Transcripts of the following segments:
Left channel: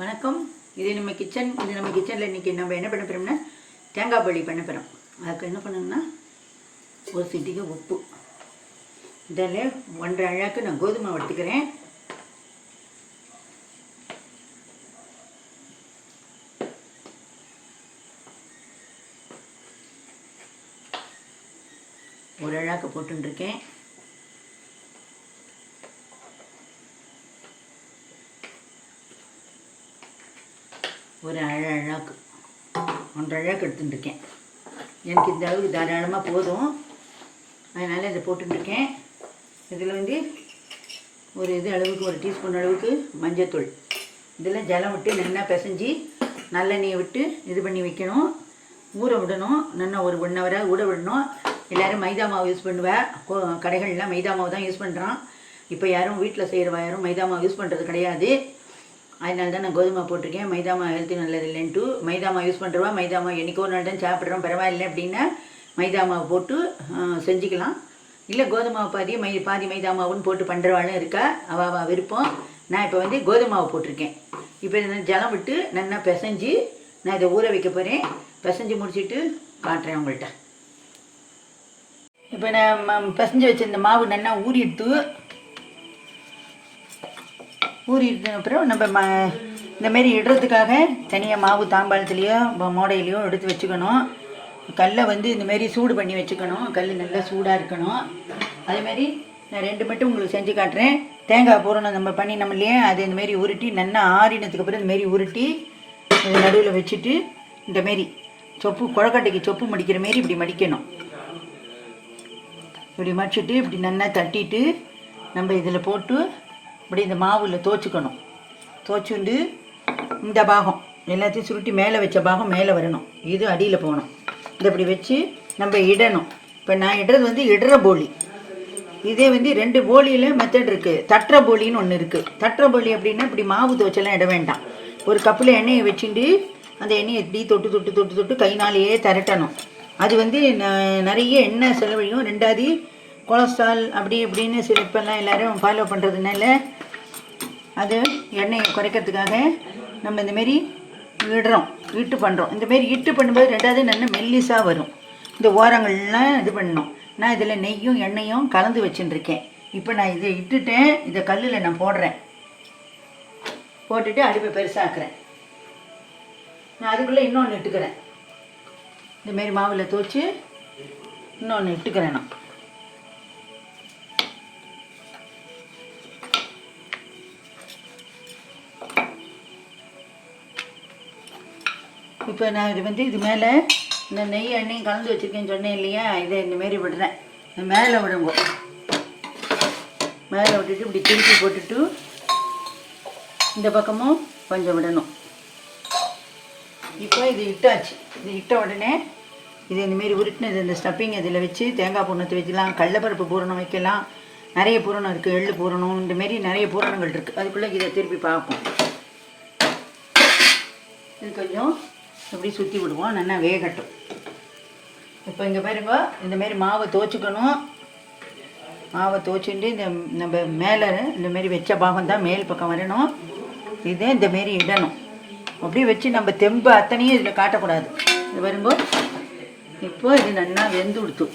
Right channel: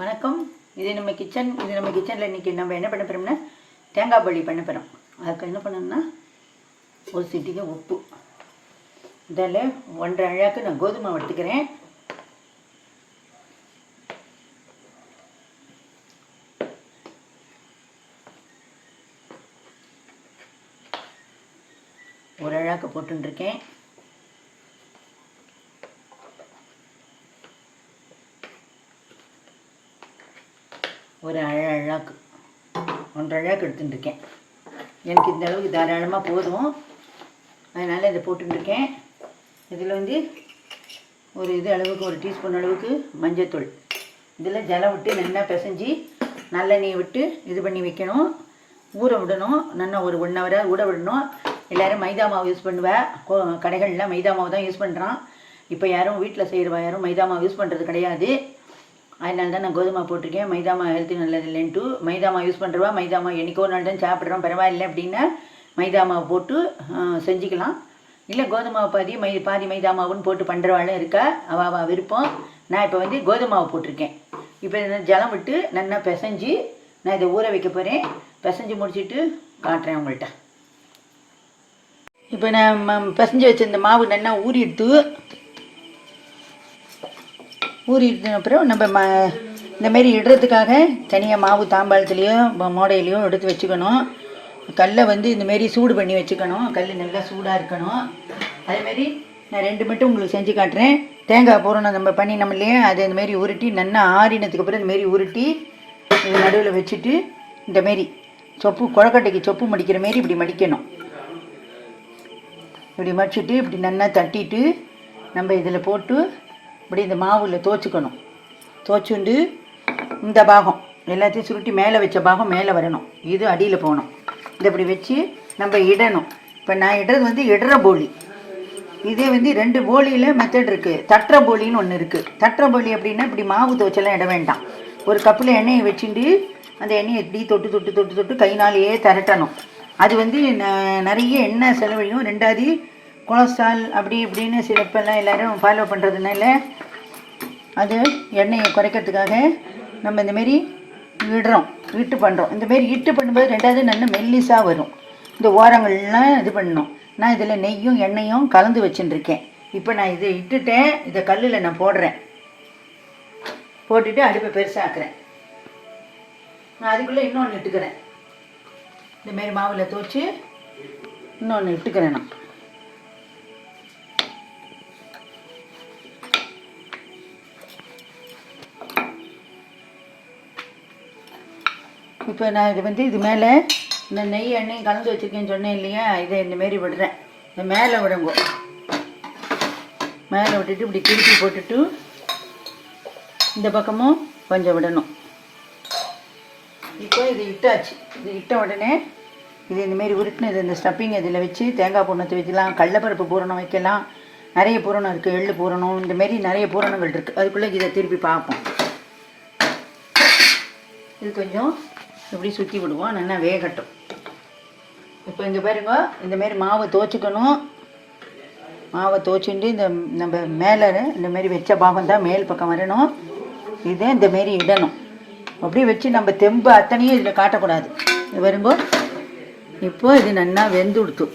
வணக்கம். இது நம்ம கிச்சன் இது நம்ம கிச்சனில் இன்றைக்கி நம்ம என்ன பண்ண போகிறோம்னா தேங்காய் பள்ளி பண்ண போகிறோம் அதுக்கு என்ன பண்ணணும்னா ஒரு சிட்டிக்கு உப்பு. இதில் ஒன்றரை அழாக்கு நான் கோதுமை எடுத்துக்கிறேன். ஒரு அழாக்கு போட்டுருக்கேன் ஒரு அழ அழாக்கு. எடுத்துட்டுருக்கேன். எனக்கு இந்த அளவுக்கு தாராளமாக போதும். அதனால் இதை போட்டுருக்கேன் இதில் வந்து ஒரு இது அளவுக்கு ஒரு டீஸ்பூன் அளவுக்கு மஞ்சத்தூள். இதில் ஜலம் விட்டு நல்லா பிசைஞ்சு நல்லெண்ணெயை விட்டு இது பண்ணி வைக்கணும். ஊற விடணும். நல்லா ஒரு ஒன் ஹவராக ஊற விடணும். எல்லோரும் மைதா மாவு யூஸ் பண்ணுவேன் கடைகளில் மைதா மாவு தான் யூஸ் பண்ணுறான் இப்போ யாரும் வீட்டில் செய்கிறவா யாரும் மைதா மாவு யூஸ் பண்ணுறது கிடையாது. அதனால தான் நான் கோதுமை போட்டிருக்கேன். மைதா மாவு ஹெல்த்தி நல்லது இல்லைன்ட்டு மைதா மாவு யூஸ் பண்ணுறவா மைதா மாவு என்னைக்கோ ஒரு நாள் தான் சாப்பிட்றோம் பரவாயில்லை அப்படின்னா மைதா மாவு போட்டு செஞ்சுக்கலாம். இல்லை கோதுமை பாதி மை பாதி மைதா மாவுன்னு போட்டு பண்ணுறவாளும் இருக்கா? அவ விருப்பம். நான் இப்போ வந்து கோதுமை மாவு போட்டிருக்கேன். இப்போ இந்த ஜலம் விட்டு நல்லா பிசைஞ்சு நான் இதை ஊற வைக்க போகிறேன் பிசைஞ்சு முடிச்சுட்டு காட்டுறேன் உங்கள்கிட்ட இப்போ நான் ம- பிசைஞ்சு வச்சிருந்த மாவு நல்லா ஊறி எடுத்து ஊறிட்டு அப்புறம் நம்ம ம இந்தமாரி இடுறதுக்காக தனியாக மாவு தாம்பாளத்துலேயோ மோடையிலையோ எடுத்து வச்சுக்கணும். கல்லை வந்து இந்தமாரி சூடு பண்ணி வச்சுக்கணும். கல் நல்லா சூடாக இருக்கணும். அதேமாரி நான் ரெண்டு மட்டும் உங்களுக்கு செஞ்சு காட்டுறேன். தேங்காய் பூரணம் நம்ம பண்ணி நம்ம இல்லையா? அதை உருட்டி நல்லா ஆறினதுக்கு அப்புறம் உருட்டி நடுவில் வச்சுட்டு இந்த மாரி சொப்பு குழக்கட்டைக்கு சொப்பு மடிக்கிற மாரி இப்படி மடிக்கணும். இப்படி மடிச்சுட்டு இப்படி நல்லா தட்டிட்டு நம்ம இதில் போட்டு இப்படி இந்த மாவில் தோச்சுக்கணும். தோச்சுண்டு இந்த பாகம் எல்லாத்தையும் சுருட்டி மேலே வச்ச பாகம் மேலே வரணும். இது அடியில் போகணும். இதை இப்படி வச்சு நம்ம இடணும். இப்போ நான் இடுறது வந்து இடற போலி. இதே வந்து ரெண்டு போலியில் மெத்தட் இருக்குது தட்டுற போலின்னு ஒன்று இருக்குது தட்டுற போலி அப்படின்னா இப்படி மாவு துவச்செல்லாம் இட வேண்டாம். ஒரு கப்பில் எண்ணெயை வச்சுட்டு அந்த எண்ணெயை இப்படி தொட்டு தொட்டு தொட்டு தொட்டு கைனாலேயே திரட்டணும். அது வந்து ந- நிறைய எண்ணெய் செலவழியும் ரெண்டாவது கொலஸ்ட்ரால் அப்படி இப்படின்னு சில இப்போல்லாம் எல்லோரும் ஃபாலோ பண்ணுறதுனால அது எண்ணெயை குறைக்கிறதுக்காக நம்ம இந்த மாரி இடுறோம் இட்டு பண்ணுறோம் இந்தமாரி இட்டு பண்ணும்போது ரெண்டாவது நல்ல மெல்லிஸாக வரும். இந்த ஓரங்கள்லாம் இது பண்ணணும். நான் இதில் நெய்யும் எண்ணெயும் கலந்து வச்சுட்டுருக்கேன் இப்போ நான் இதை இட்டுட்டேன். இதை கல்லில் நான் போடுறேன். போட்டுட்டு அடுப்பை பெருசாக்குறேன். நான் அதுக்குள்ளே இன்னொன்று இட்டுக்கிறேன். இந்தமாரி மாவில் துவச்சி இன்னொன்று இட்டுக்கிறேன் நான். இப்போ நான் இது வந்து இது மேலே இந்த நெய் எண்ணெயும் கலந்து வச்சுருக்கேன்னு சொன்னேன் இல்லையா? இதை இந்தமாரி விடுறேன். இந்த மேலே விடுங்க. மேலே விட்டுட்டு இப்படி திருப்பி போட்டுட்டு இந்த பக்கமும் கொஞ்சம் விடணும். இப்போ இது இட்டாச்சு. இது இட்ட உடனே இது இந்தமாரி உருட்டினது இந்த ஸ்டப்பிங் இதில் வச்சு தேங்காய் பூரணத்தை வைக்கலாம் கடலப்பருப்பு பூரணம் வைக்கலாம். நிறைய பூரணம் இருக்குது எள்ளு பூரணம். இந்தமாரி நிறைய பூரணங்கள் இருக்குது அதுக்குள்ளே இதை திருப்பி பார்ப்போம். இது கொஞ்சம் இப்படி சுற்றி விடுவோம். நல்லா வேகட்டும். இப்போ இங்கே பாருங்க இந்த மாதிரி மாவை தோச்சுக்கணும் மாவை தோச்சுட்டு இந்த நம்ம மேலே இந்த மாதிரி வச்ச பாகம் தான் மேல் பக்கம் வரணும். இதை இந்த மாரி இடணும். அப்படியே வச்சு நம்ம தெம்பு அத்தனையும் இதில் காட்டக்கூடாது. வரும்போது இப்போ இது நல்லா வெந்து கொடுத்து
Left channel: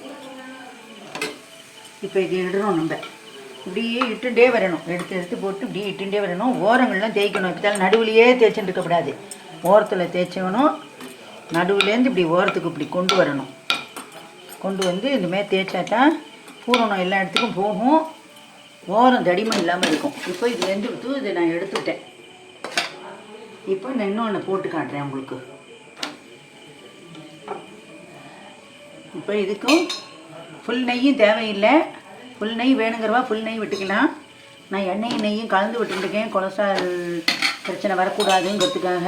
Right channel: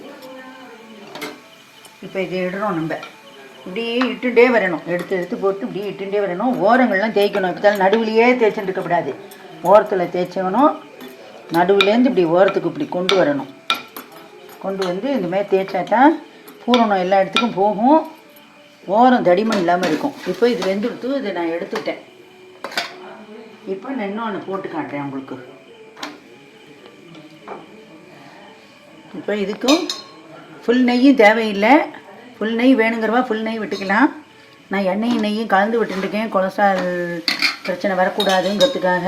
இப்போ இது இடுறோம் நம்ம. இப்படியே இட்டுகிட்டே வரணும். எடுத்து எடுத்து போட்டு இப்படியே இட்டுட்டே வரணும். ஓரங்கள்லாம் தேய்க்கணும். இப்போ நடுவுலையே தேய்ச்சிட்டு இருக்கக்கூடாது ஓரத்தில் தேய்ச்சவனும் நடுவுலேருந்து இப்படி ஓரத்துக்கு இப்படி கொண்டு வரணும். கொண்டு வந்து இந்த மாதிரி தேய்ச்சா தான் பூரணம் எல்லா இடத்துக்கும் போகும். ஓரம் தடிமன் இல்லாமல் இருக்கும். இப்போ இது வெந்து கொடுத்து இதை நான் எடுத்துக்கிட்டேன். இப்போ நான் இன்னொன்று போட்டு காட்டுறேன் உங்களுக்கு. இப்போ இதுக்கும் ஃபுல் நெய்யும் தேவையில்லை. ஃபுல் நெய் வேணுங்கிறவா ஃபுல் நெய் விட்டுக்கலாம். நான் எண்ணெயும் நெய்யும் கலந்து விட்டுருக்கேன் கொலஸ்ட்ரால் பிரச்சனை வரக்கூடாதுங்கிறதுக்காக.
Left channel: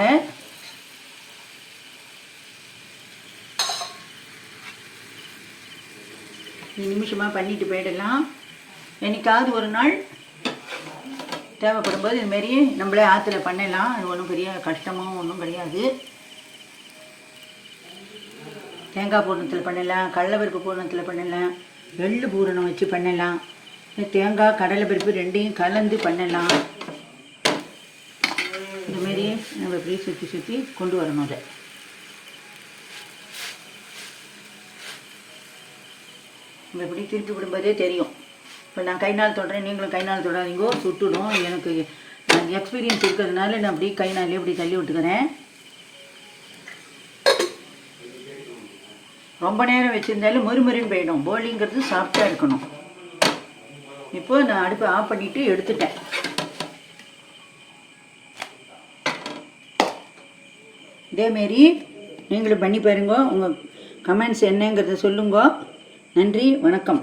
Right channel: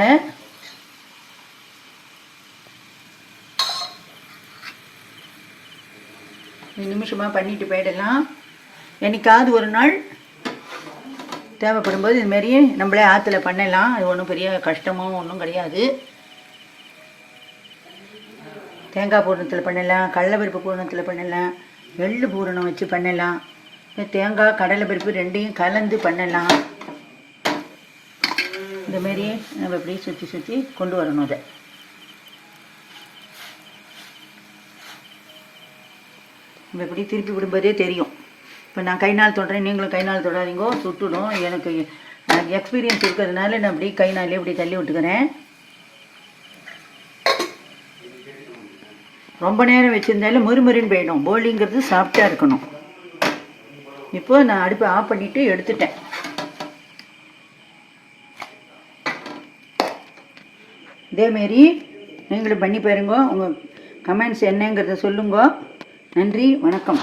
நிமிஷமாக பண்ணிட்டு போயிடலாம். என்னைக்காவது ஒரு நாள் தேவைப்படும்போது இது மாதிரி நம்மளே ஆற்றுல பண்ணலாம். அது ஒன்றும் பெரிய கஷ்டமோ ஒன்றும் கிடையாது. தேங்காய் பூரணத்தில் பண்ணலாம் கடலைப்பருப்பு பூரணத்தில் பண்ணலாம் எள்ளு பூரணம் வச்சு பண்ணலாம். தேங்காய் கடலைப்பருப்பு ரெண்டையும் கலந்து பண்ணலாம். இந்த நம்ம இப்படி சுற்றி சுற்றி கொண்டு வரணும் அதை. நம்ம இப்படி திருப்பி விடும்போதே தெரியும். இப்போ நான் கை நாள் தொடுறேன் நீங்களும் கை நாள் தொடாதீங்கோ சுட்டுடும் எனக்கு நான் எக்ஸ்பீரியன்ஸ் இருக்கிறதுனால நான் அப்படியே கை நாளே இப்படி தள்ளி விட்டுக்கிறேன். ரொம்ப நேரம் வச்சுருந்தாலும் முறுமுறுன்னு போயிடும். போலிங்கிறது சாஃப்டாக இருக்கணும். இப்போ நான் அடுப்பை ஆஃப் பண்ணிவிட்டு எடுத்துட்டேன். இதேமாரி நீங்களும் பண்ணி பாருங்க. உங்கள் கமெண்ட்ஸ் என்னங்கிறத சொல்லுங்க. நன்றி வணக்கம்.